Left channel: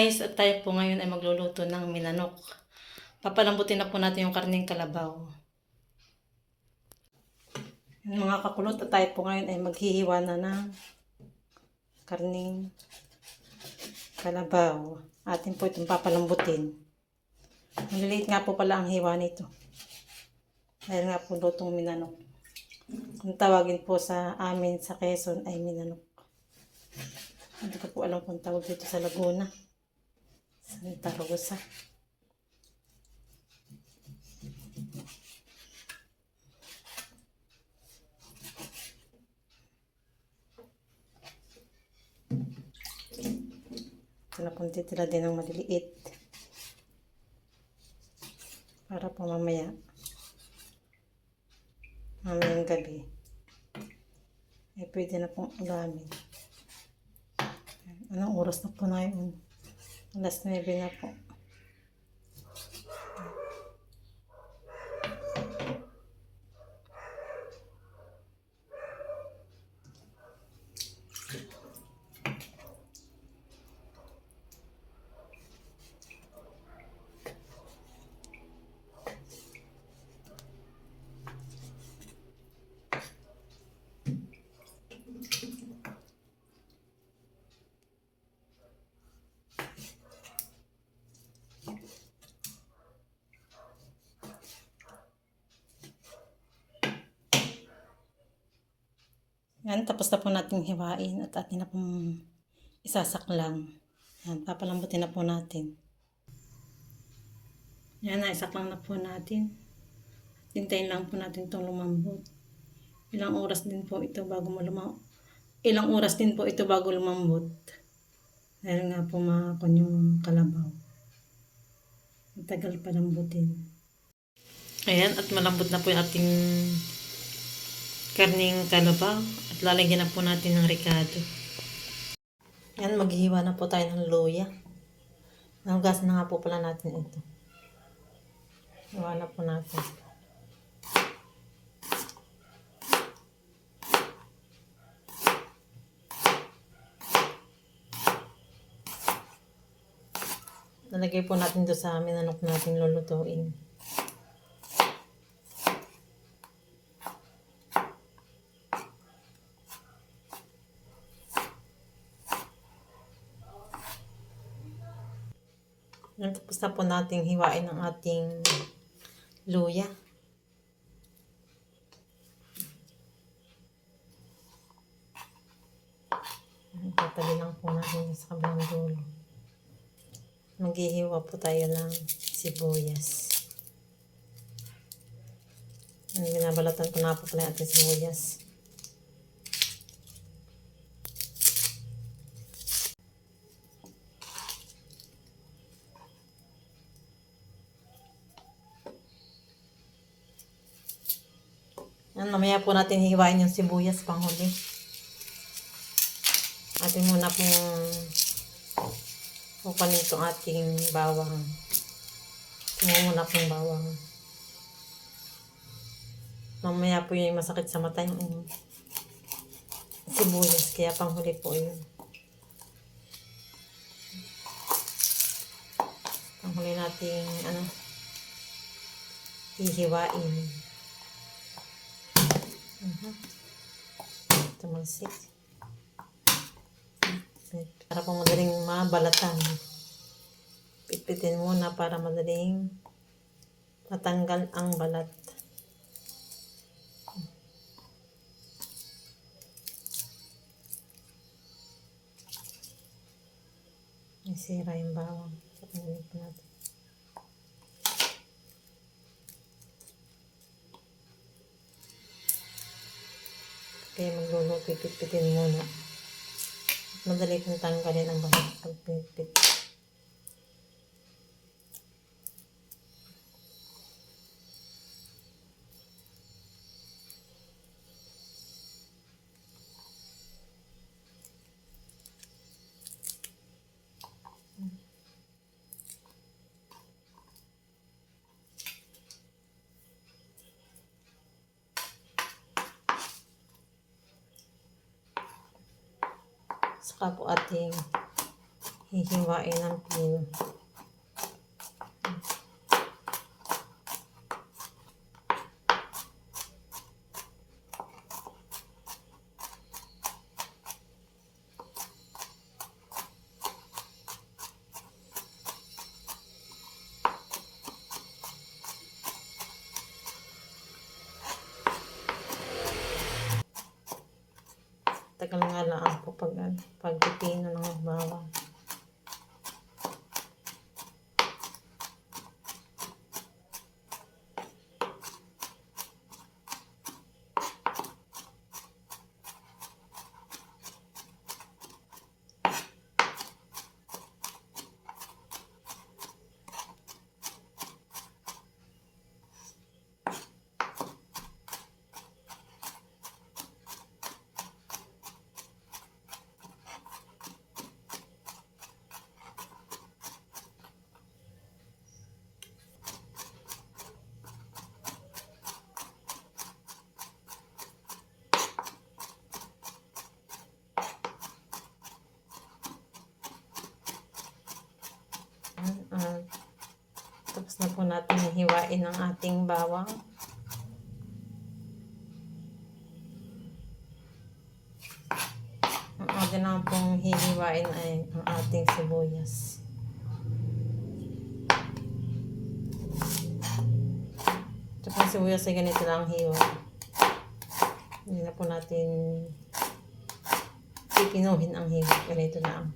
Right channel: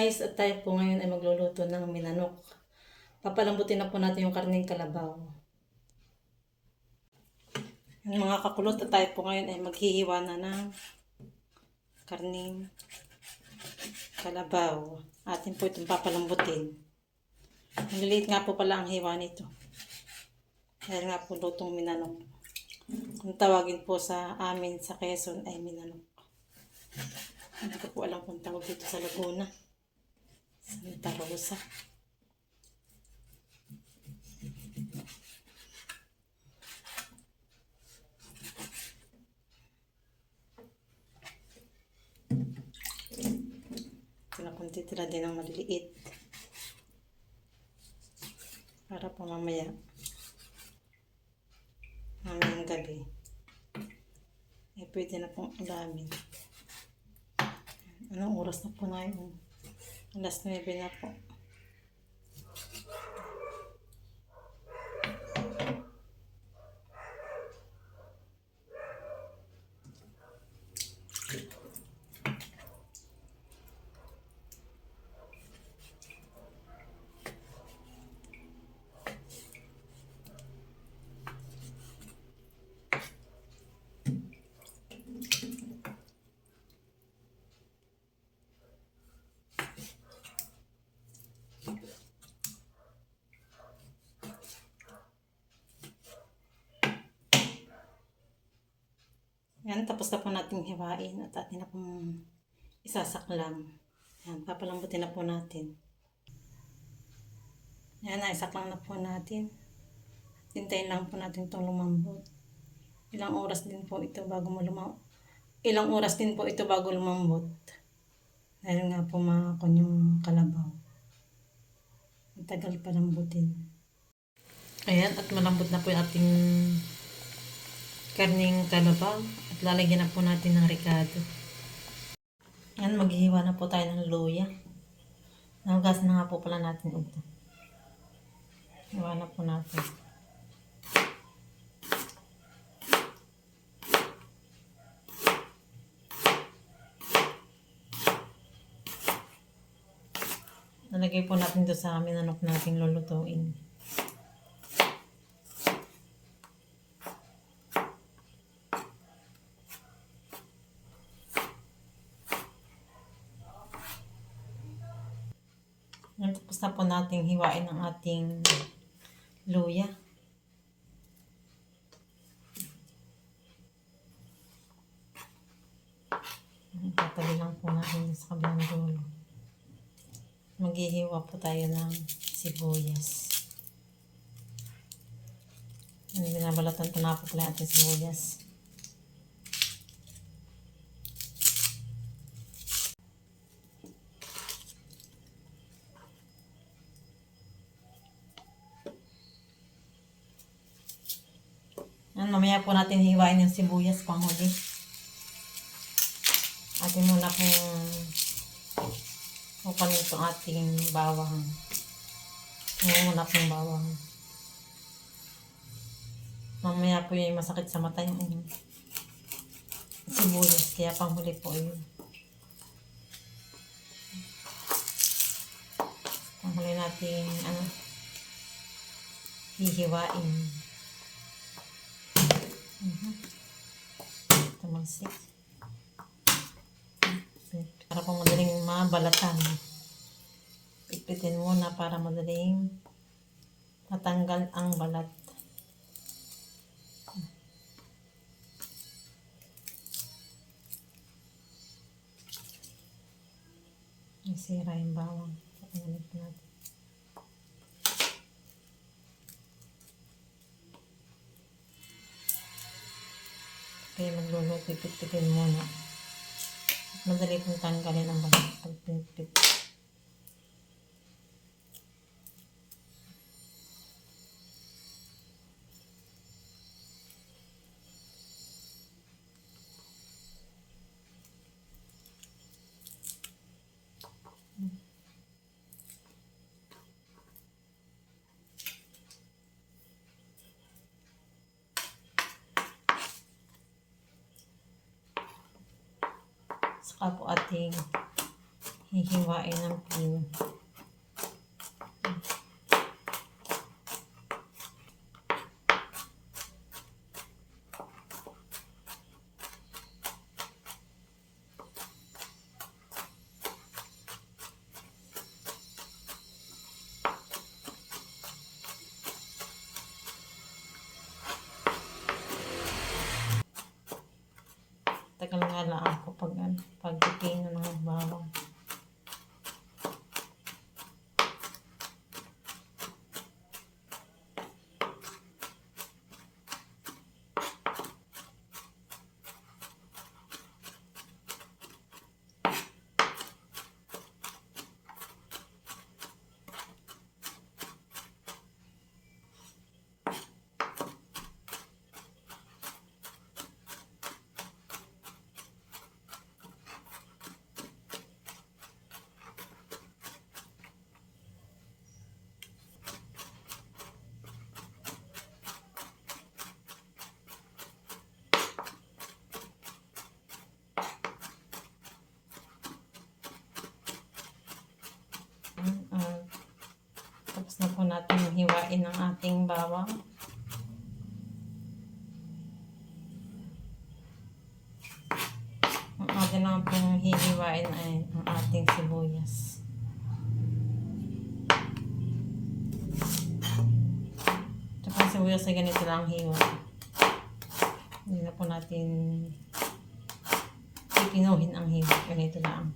guys, at tayo po ngayon ay magluluto ng minanok. Papalambutin na po natin yung karning kalabaw. Yung mga kakulot, at tayo po ngayon ay maghihiwa na ng karning kalabaw. Atin po itong papalambutin. Maliliit nga po pala ang hiwa nito. Dahil nga po lutong minanok. Kung tawagin po sa amin sa Quezon ay minanok. Hindi ko po alam kung tawag dito sa Laguna. Santa Rosa. Kinakunti tila din ng maliliit. Para po mamayang gabi ay pwede na pong ulamin. Anong oras na po na yun? Alas 9 na po. Yan, tapos na po natin hiwain at atin na pong isasaklang. Yan, papalambutin na po natin. Yan, naisaklang na po natin. Hintayin lang po natin itong lumambot. Ilang oras din po ito bago lumambot. Dahil nga po makakon yung kalabaw. Matagal pa lambutin. Ayan, at malambot na po yung ating karning kalabaw. At lalagyan na po natin ng ricado. Ayan, maghihiwa na po tayo ng luya. Nahugasan na nga po pala natin ito. Hiwa na po natin. Nalagay po natin ito sa minanok natin lulutuin. Tapos na po natin hiwain ang ating luya. Tatabi lang po natin sa kabilang dulo. Maghihiwa po tayo ng sibuyas. Binabalatan ko na po pala ating sibuyas. Yan, mamaya po natin hiwain yung sibuyas panghuli. Atin muna pong kami itong ating bawang. Tingnan muna pong bawang. Mamaya po yung masakit sa mata yung sibuyas. Kaya panghuli po yun. Panghuli natin hihiwain. Tumalsik. Para pang madaling mabalatan. Pitpitin muna para madaling matanggal ang balat. Isira yung bawang. Patanggalin po natin. Kaya magluluto, pitpitin muna. Madali pong tanggalin ang balat pag pinipit. Saka po ating hihiwain ng pino. Tagal nga lang ako pag pipino ng bawang. Tapos na po natin hiwain ang ating bawang. Ang atin naman pong hihiwain ay ang ating sibuyas. Ito pong sibuyas ay ganito na ang hiwa. Hindi na po natin pipinuhin ang hiwa. Ganito na ang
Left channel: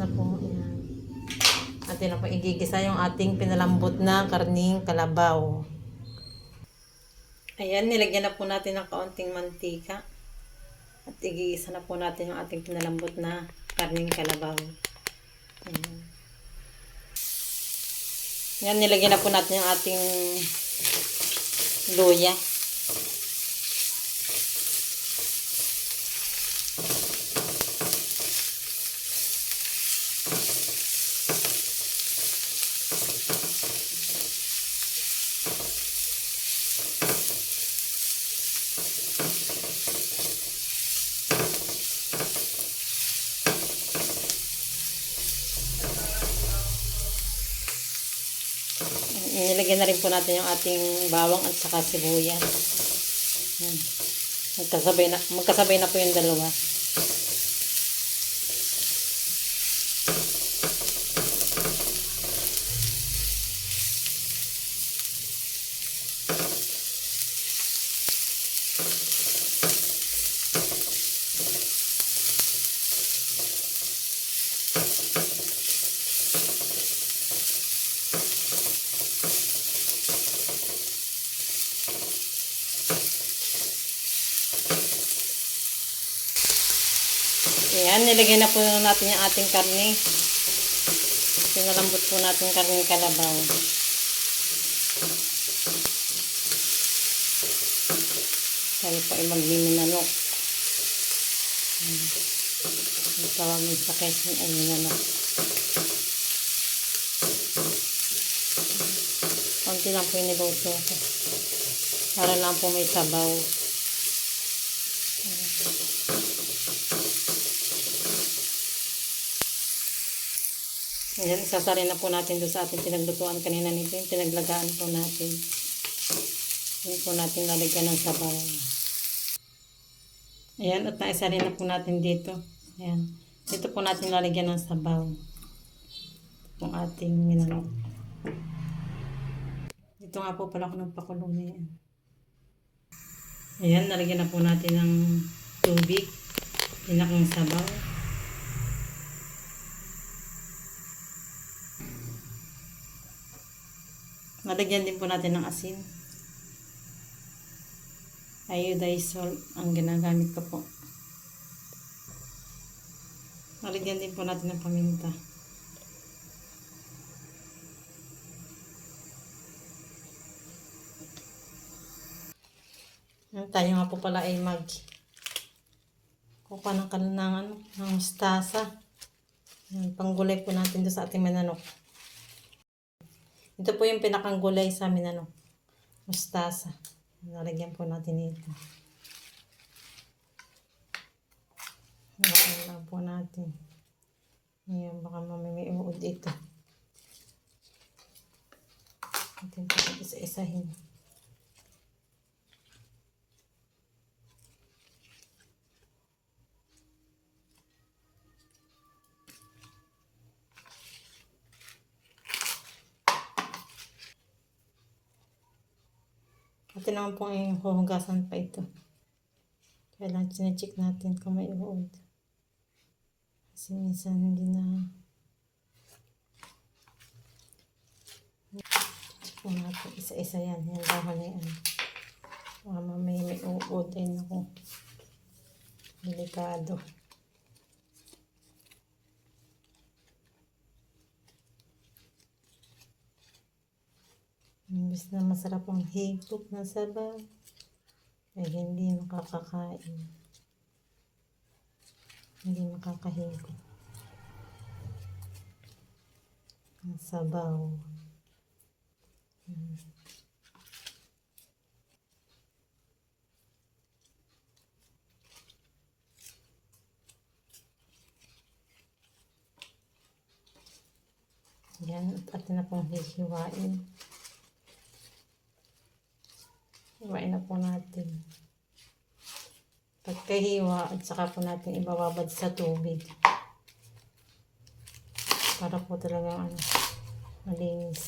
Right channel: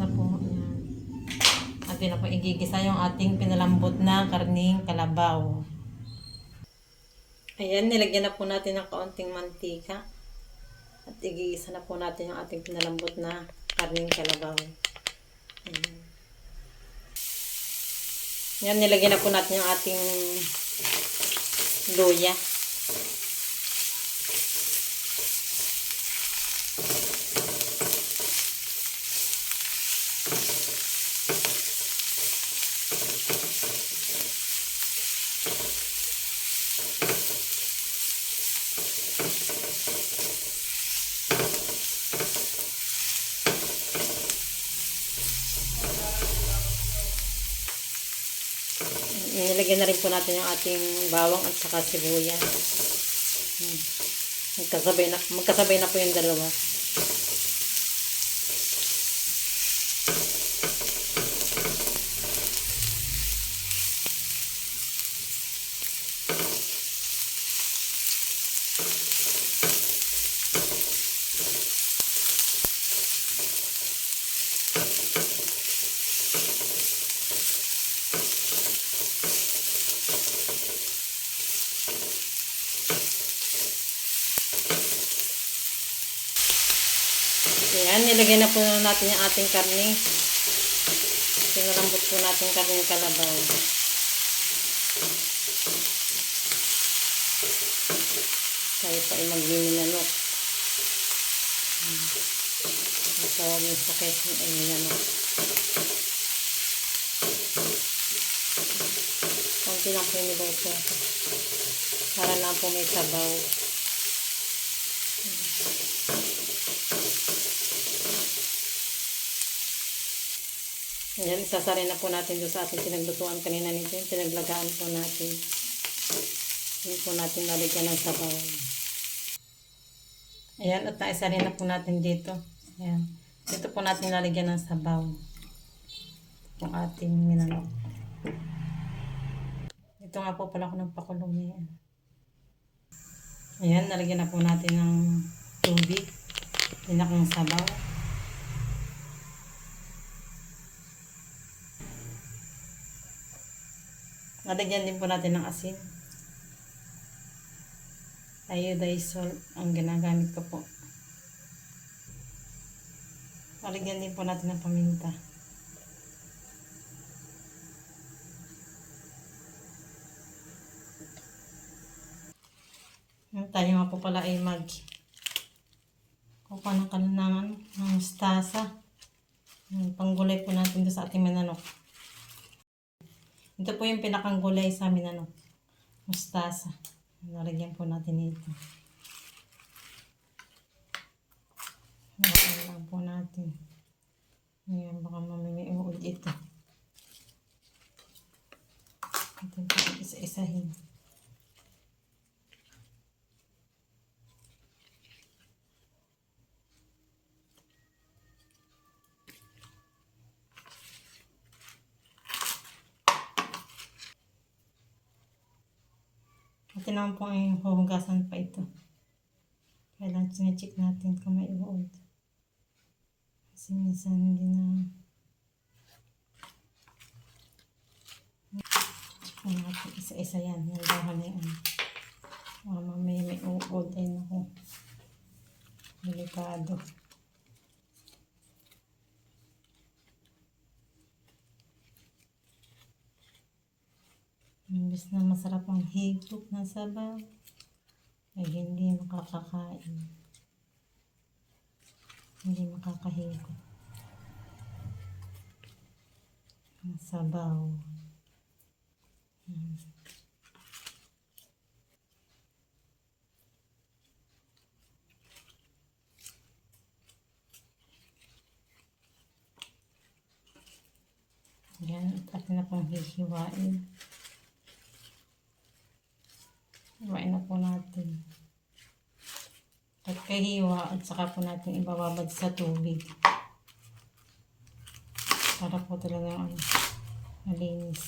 na po yan. Atin na po igigisa yung ating pinalambot na karning kalabaw. Ayan, nilagyan na po natin ng kaunting mantika. At igigisa na po natin yung ating pinalambot na karning kalabaw. Ayan. Yan, nilagyan na po natin yung ating luya. Nilagyan na rin po natin yung ating bawang at saka sibuyas. Magkasabay na po yung dalawa. Ayan, nilagay na po natin yung ating karne. Pinalambot po natin karne kalabaw. Tayo pa ay magminanok. Ang tawagin sa Quezon ay minanok. Konti lang po yung niluto ko. Para lang po may sabaw. Ayan, isasarin na po natin doon sa ating pinaglutuan kanina nito. Pinaglagaan po natin. Hindi po natin lalagyan ng sabaw. Ayan, at naisarin na po natin dito. Ayan. Dito po natin lalagyan ng sabaw. Itong ating minanok. Ito nga po pala ako ng pakulong. Ayan, nalagyan na po natin ng tubig. Tinakong sabaw. Nalagyan din po natin ng asin. Iodized salt ang ginagamit ko po. Nalagyan din po natin ng paminta. Tayo nga po pala ay Kuha ng kalanangan ng mustasa. Panggulay po natin doon sa ating mananok. Ito po yung pinakang gulay sa amin, mustasa. Nalagyan po natin ito. Nalagyan po natin. Ngayon, baka mamimiuod ito. Natin po isa-isahin. Ito naman po yung huhugasan pa ito. Kaya lang sinecheck natin kung may uod. Kasi minsan hindi na. Check na natin isa-isa yan. Yan dahan na yan. Mamaya may uod. Ayun ako. Delikado. Imbis na masarap ang higop na sabaw, ay hindi makakakain. Hindi makakahigop. Ang sabaw. Yan, at atin na pong hihiwain. Hiwain na po natin. Pagkahiwa, at saka po natin ibababad sa tubig. Para po talaga malinis.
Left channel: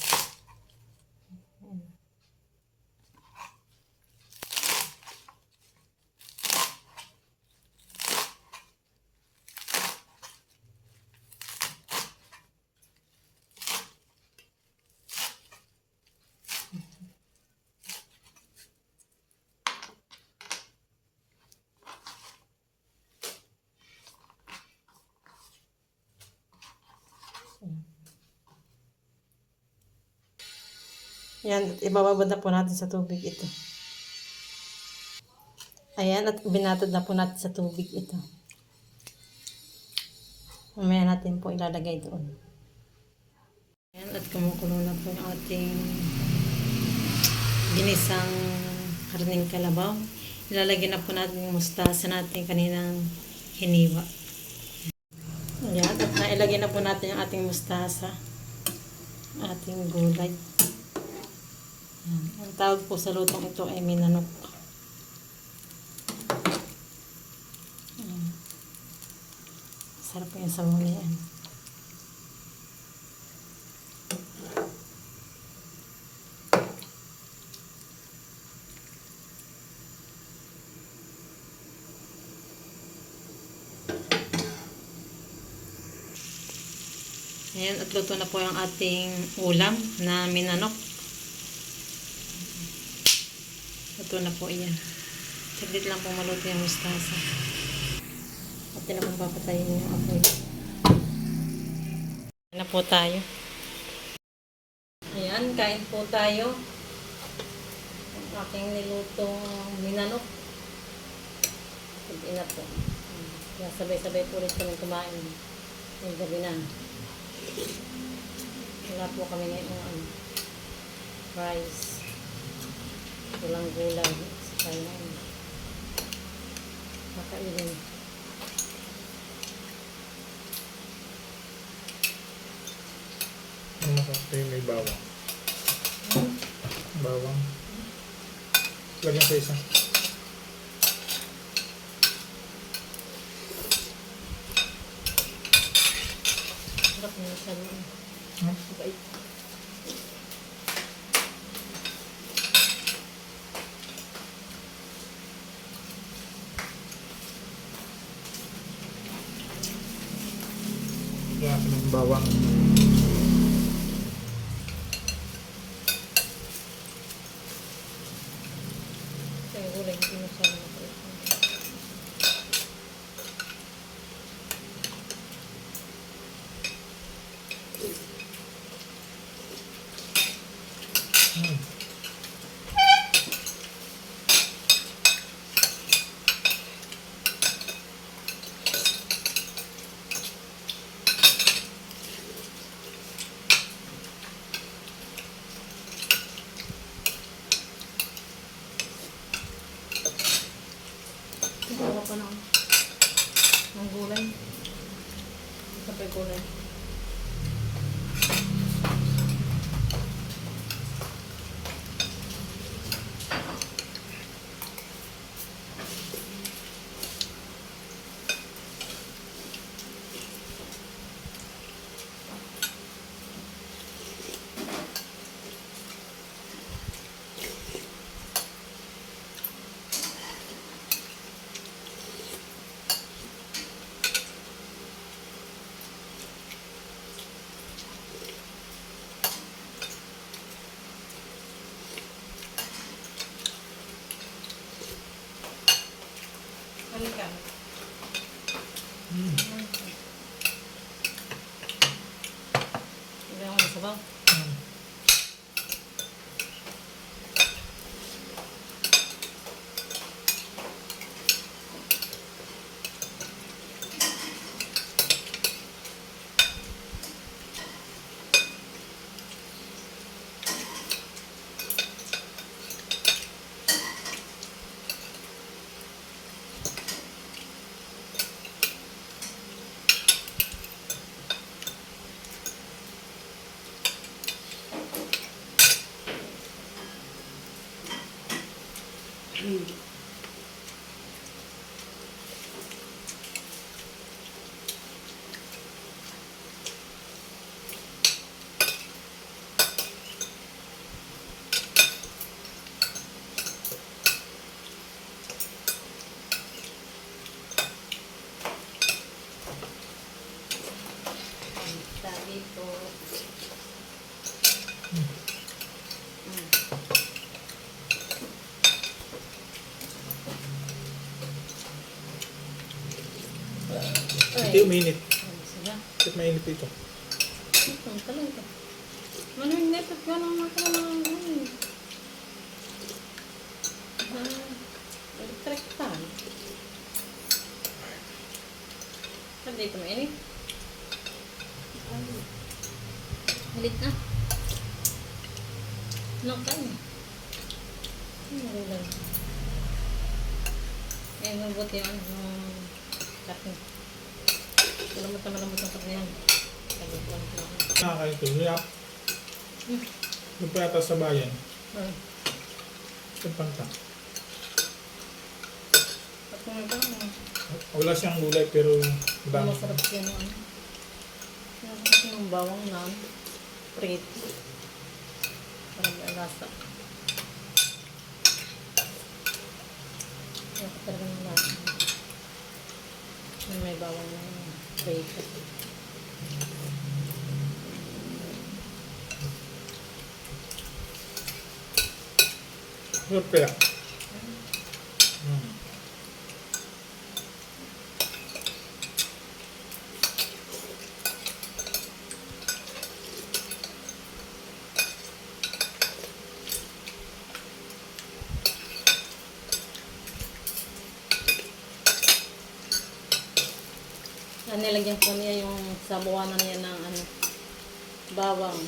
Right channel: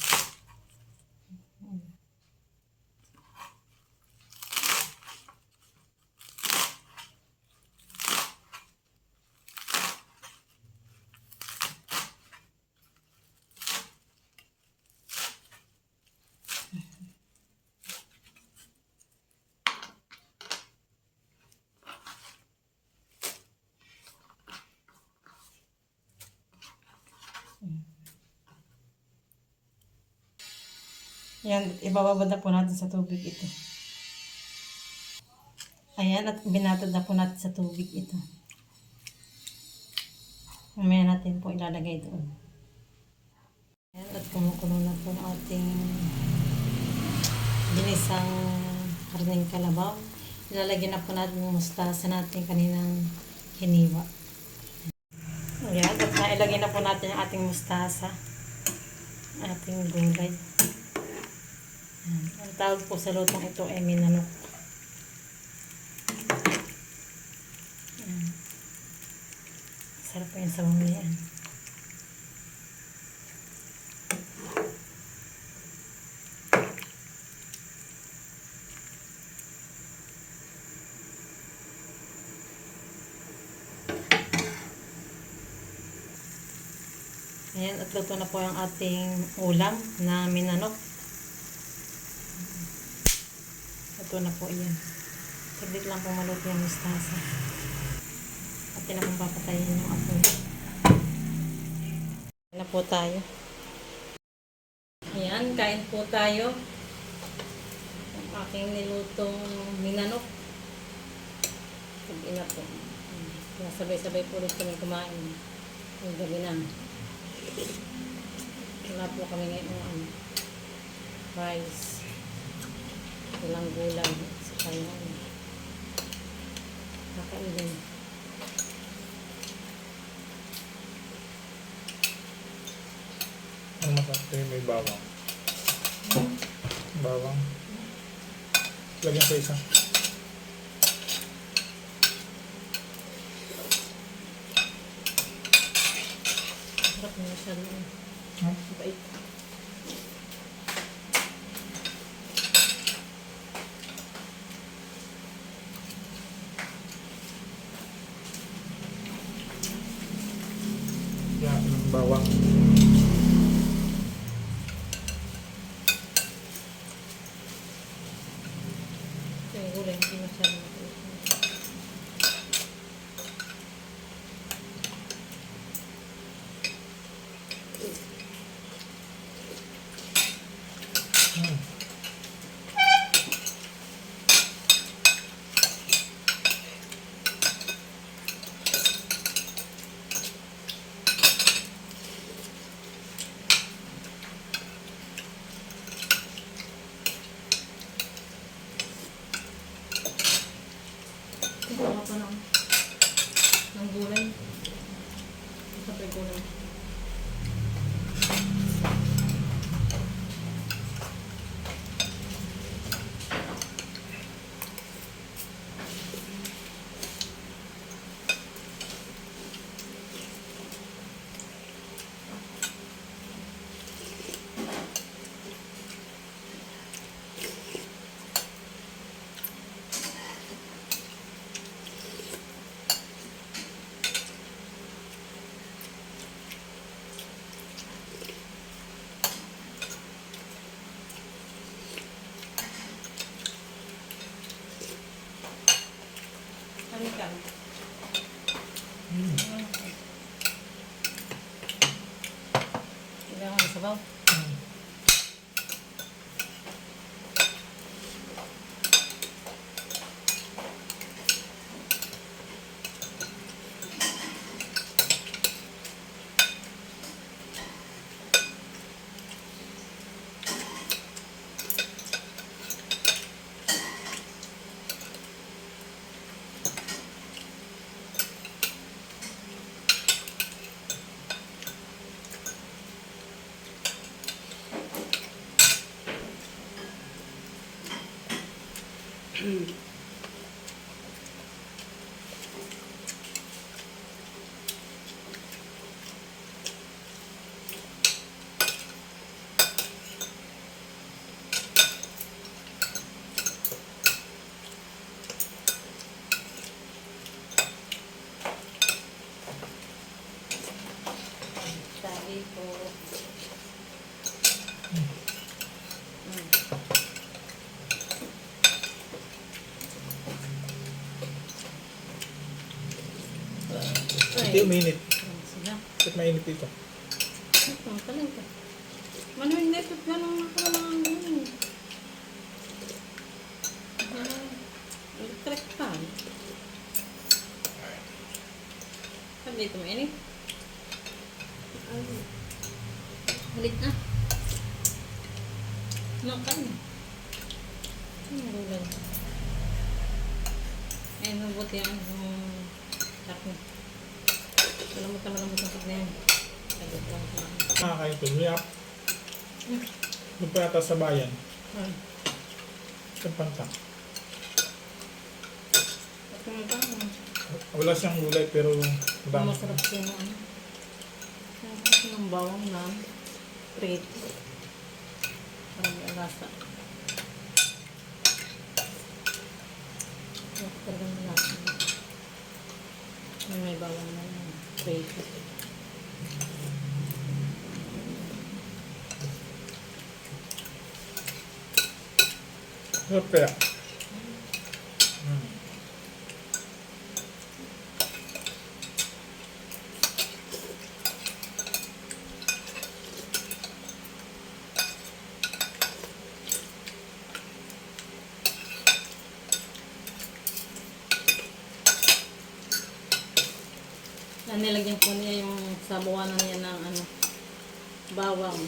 Yan, ibababad na po natin sa tubig ito. Ayan, at binatad na po natin sa tubig ito. Mamaya natin po ilalagay doon. Ayan, at kumukulo na po yung ating ginisang karning kalabaw. Ilalagay na po natin yung mustasa natin kaninang hiniwa. Ayan, at nailagay na po natin yung ating mustasa. Ating gulay. Ayan. Ang tawag po sa lutong ito ay minanok. Ayan. Sarap po yung sabaw na yan. Ayan, at luto na po yung ating ulam na minanok. Luto na po yan. Saglit lang po maluto yung mustasa. At na pong papatayin yung apoy. Kain na po tayo. Ayan, kain po tayo. Ang aking nilutong minanok. Sabihin na po. Kaya sabay-sabay po ulit kami kumain. Yung gabi na. Wala po kami ngayon rice. Walang gulay. Sa kaya kakainin. Ang masarap kayo may bawang. Bawang. Lagyan sa isa. Sarap na siya naman. Bait. Yan, ng bawang. Yung gulay, hindi masyadong mapait. sabaw. Hmm. Sabi po. Hindi uminit. Sila. Bakit mainit ito? Ang talim ka. Manuwing netot ka lang mga electric fan. Saan dito mainit? Halit na. Ano kain? Ano gulay? Eh, mabuti ang kape. Malambot na malambot ang kape yan. Tagot lang kumain. Nakakain ito. Niyap. Yung pa yata sa bayan. Sa panta. At kung ito, Wala siyang gulay pero madami. masarap siya ng ano. Masarap ng bawang na prito. Parang may lasa. Ako talaga ng lasa. May bawang na prito. Sarap kaya. Nilagyan po niya yung sabuanan niya ng ano, bawang.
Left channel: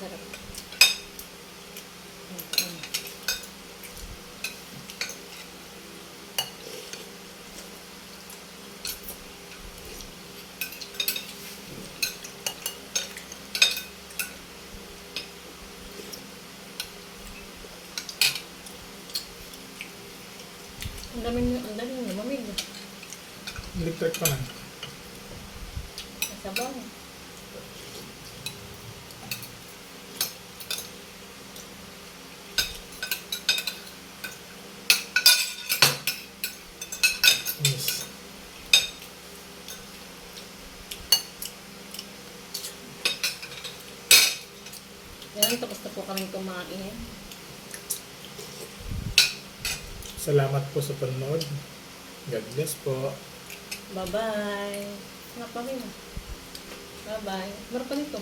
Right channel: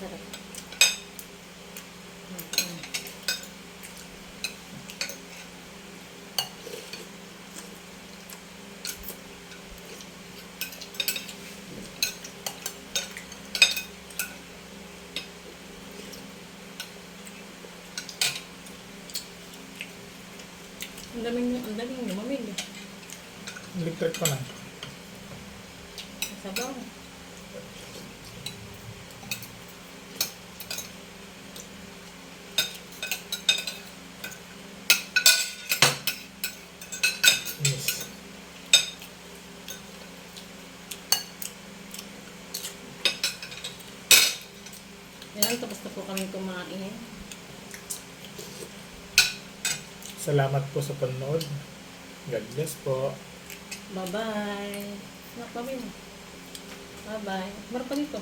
Sarap. Ang daming lumamig. Electric pa na. Sabaw. Yes. Yan, tapos na po kami kumain. Salamat po sa panonood. God bless po. Bye-bye. Anak pa rin. Bye-bye. Meron pa dito.